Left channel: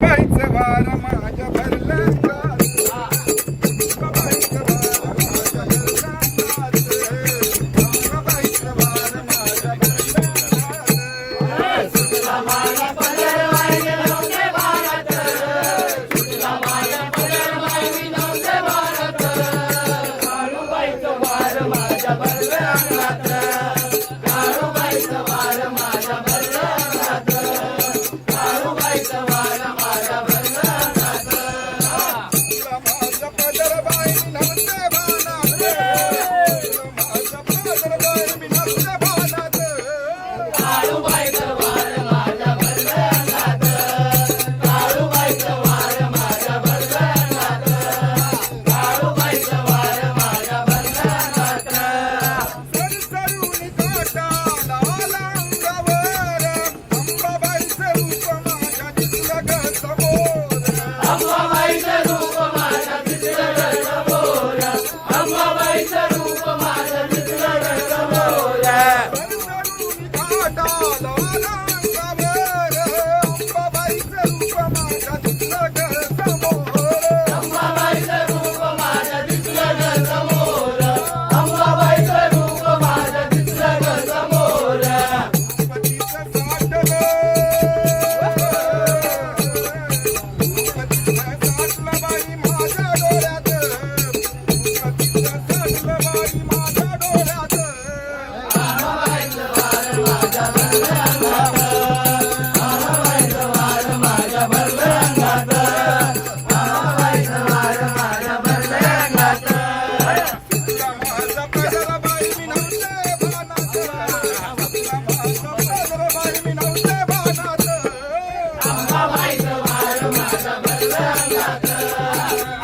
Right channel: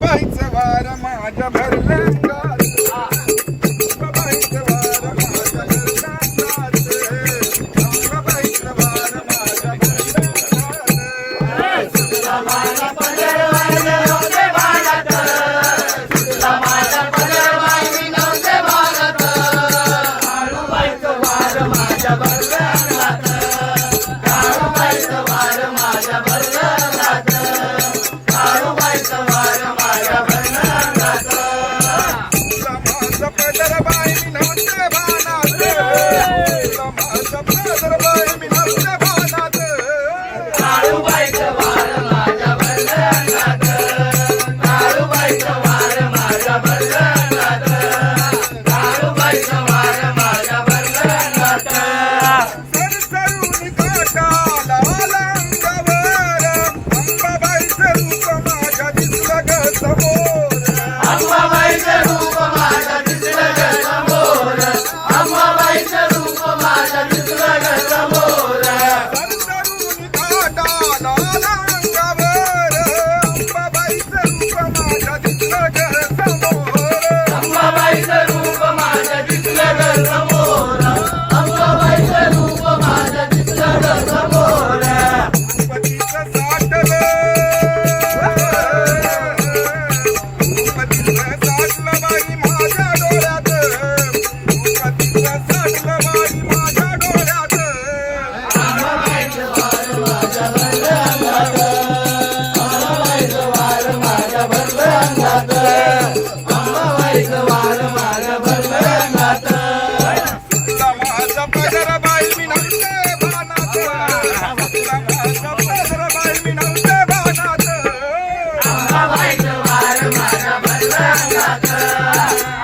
बाईचं वार माझ्या भरल्या Sarabai Namah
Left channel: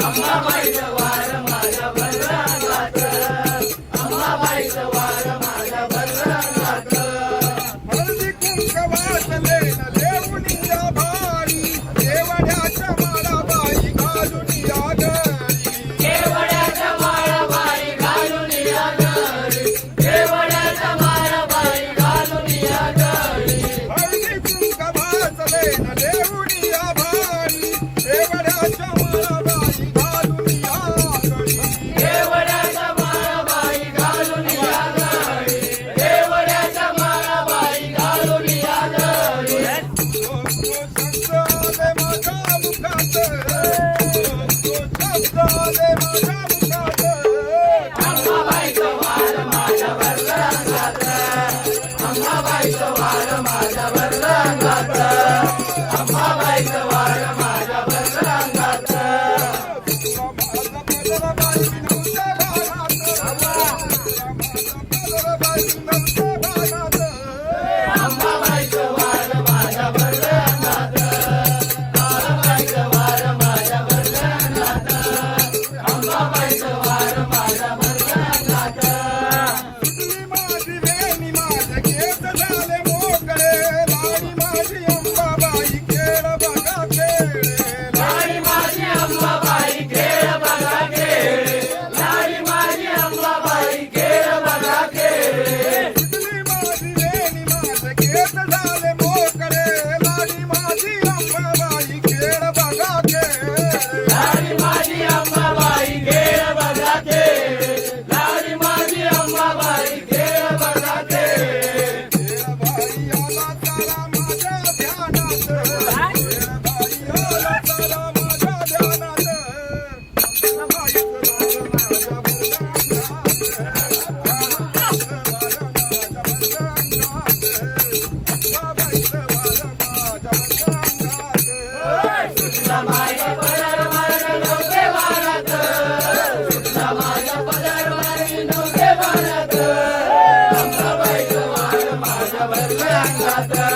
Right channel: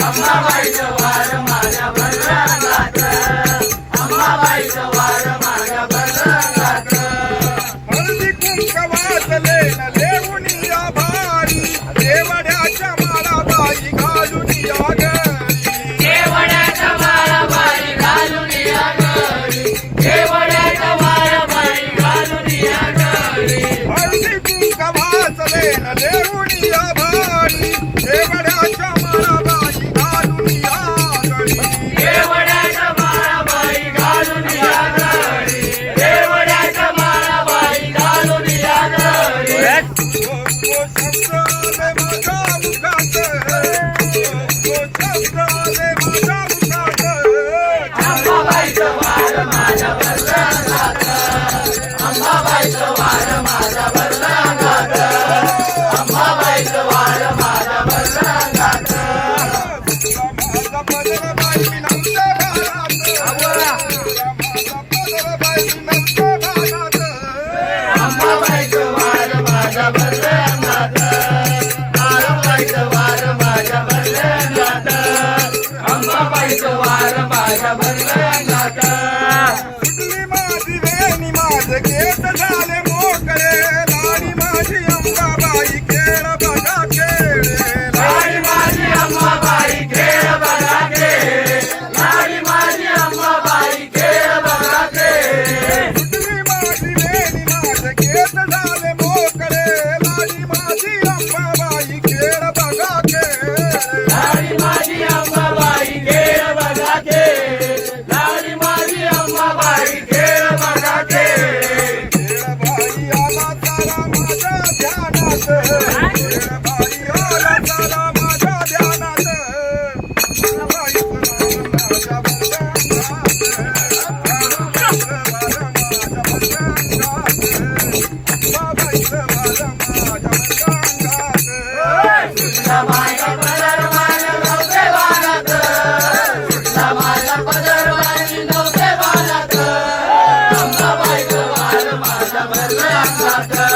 అమ్మ వైష్ణవ Madre, madre, madre. Santa.